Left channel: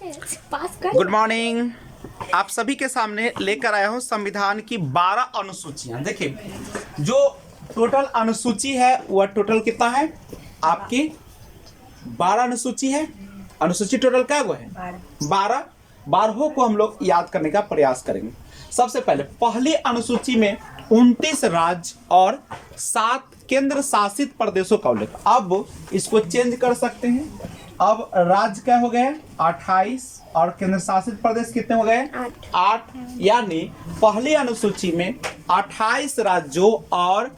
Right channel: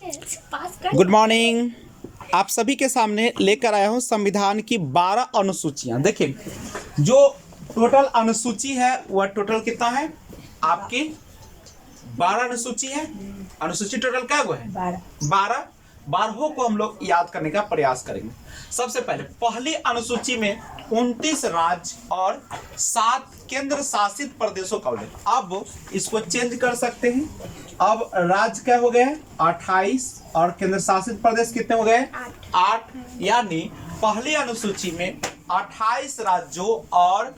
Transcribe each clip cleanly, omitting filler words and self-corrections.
Good morning. आप सभी के सामने लेकर आया हूं संविधान की 12 अनुसूचियां। देखिए, जो टोटल अनुसूची है वह टोटल कितना है? आपकी 12 अनुसूची है। अनुसूची टोटल क्या हुआ है? 12। 12 को हम लोग याद करने का प्रयास करेंगे। सबसे पहले पहली अनुसूची में 29 राज्य और 7 केंद्र शासित प्रदेशों का उल्लेख। अब इसको चेंज कर सकते हैं। अब राज्य क्या हो गए? 28 और केंद्र शासित प्रदेश कितने हो गए? 8। यानी पहली अनुसूची में 28 राज्यों और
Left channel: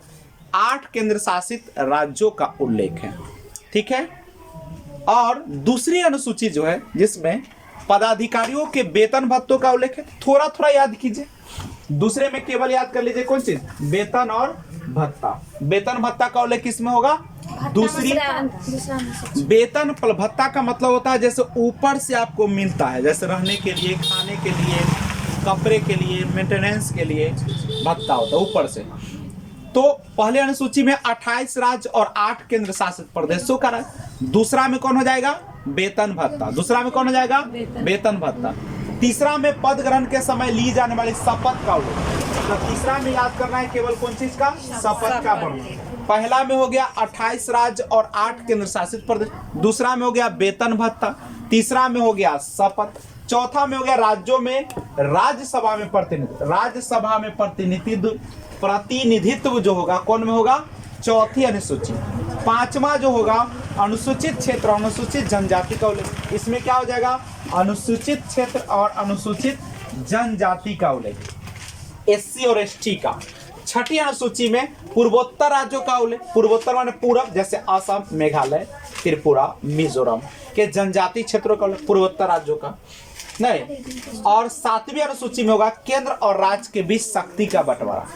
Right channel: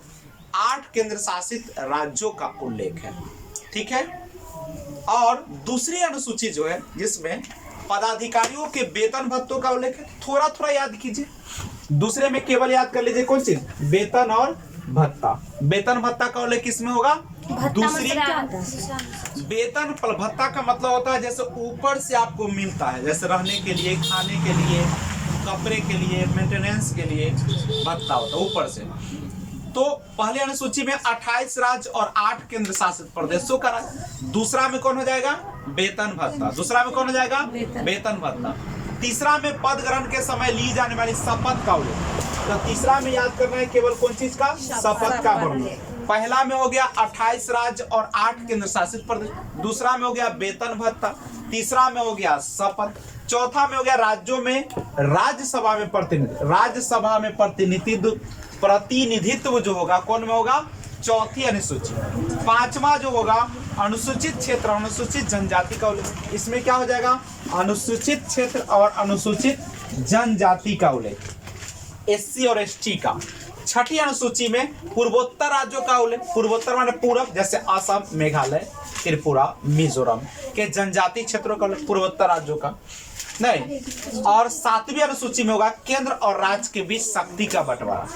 8 केंद्र शासित राज्यों का उल्लेख है। ठीक है। और दूसरी अनुसूची जो है जिसमें पदाधिकारियों के वेतन भत्तों का उल्लेख है, थोड़ा थोड़ा याद कीजिए। दूसरे में केवल याद कर लीजिए कौन चीज? वेतन और भत्ता। वेतन भत्ता का उल्लेख किसमें होगा? दूसरी। वेतन भत्ता का मतलब होता है जैसे ऊपर से आपको मिलता है, जैसे रहने के लिए, खाने के लिए, कपड़े के लिए, मेंटेनेंस के लिए भत्ता होता है ऊपर से। तो पहले अनुसूची में 28 राज्य और 8 केंद्र शासित प्रदेशों का राज्य। दूसरा में कौन हो जाएगा? वेतन भत्ता। दूसरा में कौन हो जाएगा? वेतन भत्ता। तीसरा में पद ग्रहण के समय ली जाने वाली शपथ का उल्लेख। तो तीसरा में याद करना है केवल कौन चीज का? शपथ का वर्णन। पहला में हो गया 28 राज्य और 8 केंद्र शासित प्रदेश। दूसरा में हो गया वेतन भत्ता। तीसरा में हो गया शपथ। चौथा में हो गया राज्यों में राज्यसभा में प्रतिनिधित्व। राज्यसभा में प्रतिनिधित्व जो होगा कौन में होगा? चौथी अनुसूची। पांचवा जो होगा अनुसूचित क्षेत्र, अनुसूचित जनजाति का उल्लेख। इसमें क्या हो जाएगा? अनुसूचित क्षेत्र और अनुसूचित जनजाति का उल्लेख, एससी और एसटी का। छठी अनुसूची में पूर्वोत्तर राज्यों का उल्लेख। पूर्वोत्तर माने पूरब, जैसे असम, मेघालय, त्रिपुरा, मिजोरम के जनजाति क्षेत्रों का उल्लेख, पूर्वोत्तर राज्यों का नहीं। और 7वीं अनुसूची में होगा केंद्र और राज्य के बीच शक्ति का बंटवारा।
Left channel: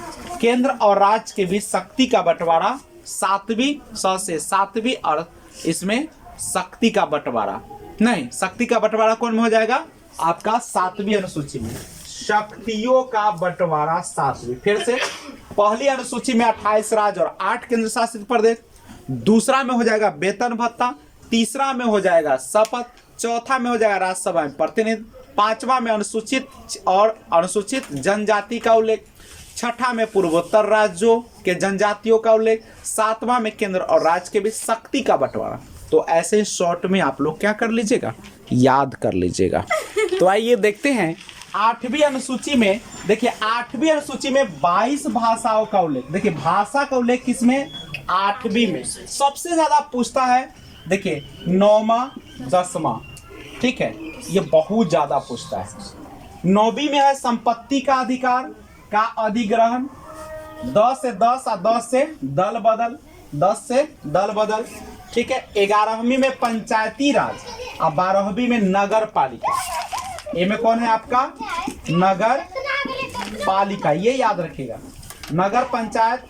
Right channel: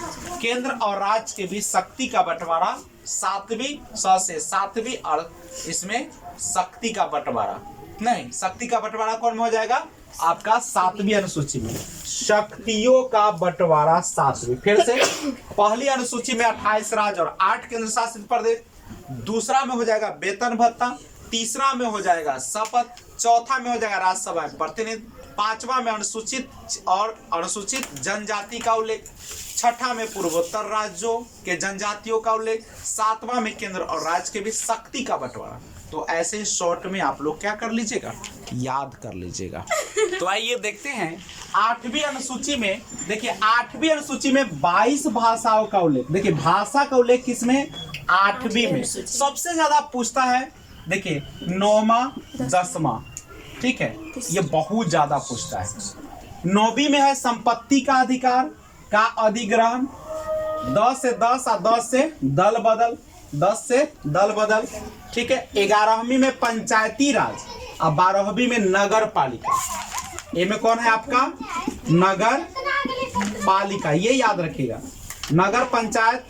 केंद्र और राज्य के बीच शक्ति का बंटवारा 7वीं से 7वीं, और इसमें शक्ति का बंटवारा नहीं, शक्ति का बंटवारा कौन में हो जाएगा? आपका 7वीं अनुसूची में शक्तियों का बंटवारा 7वीं। फिर से पहली अनुसूची में 28 राज्य और 8 केंद्र शासित प्रदेश। दूसरा में हो जाएगा वेतन भत्ता। तीसरा में हो जाएगा शपथ। चौथा में हो जाएगा राज्यसभा में प्रतिनिधित्व। पांचवा में अनुसूचित और अनुसूचित जनजाति का उल्लेख। छठा में पूर्वोत्तर राज्यों के जनजातियों का उल्लेख। सातवां में केंद्र और राज्य के बीच शक्ति का बंटवारा। तो ऐसे शॉर्ट में आप लोग क्या कर लीजिएगा? याद कर लीजिएगा। तो आइए देखते हैं 8वीं अनुसूची में। देखिए 8वीं अनुसूची में 22 भाषाओं का उल्लेख। देखिए भाषा का उल्लेख किसमें? 8वीं में। सबसे ज्यादा पूछता है देखिए 9वां 10वां, ठीक है, ये बहुत ज्यादा पूछता है। 9वीं में है संपत्ति का अधिकार का अधिग्रहण, 10 से 10 और 10 से दल बदल, 10 से दल बदल, ठीक है। 11वीं में पंचायती राज और 12वीं में नगर पालिका। ये में कौन है आपका? नगर पालिका, ये याद रखिएगा। नगर पंचायत,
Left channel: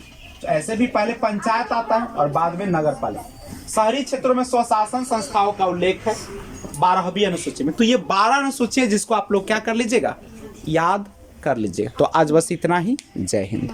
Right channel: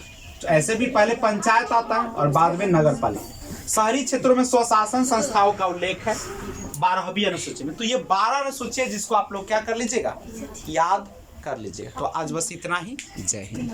ऐसे भी पहले पंचायत आता है और बाद में नगर पालिका। शहरी क्षेत्रों में स्वशासन संस्थाओं का उल्लेख है 12वीं अनुसूची में। तो ये 12 अनुसूची है जिसको आप लोग क्या कर लीजिएगा? याद कर लीजिएगा। तो आज बस इतना ही। जय हिंद।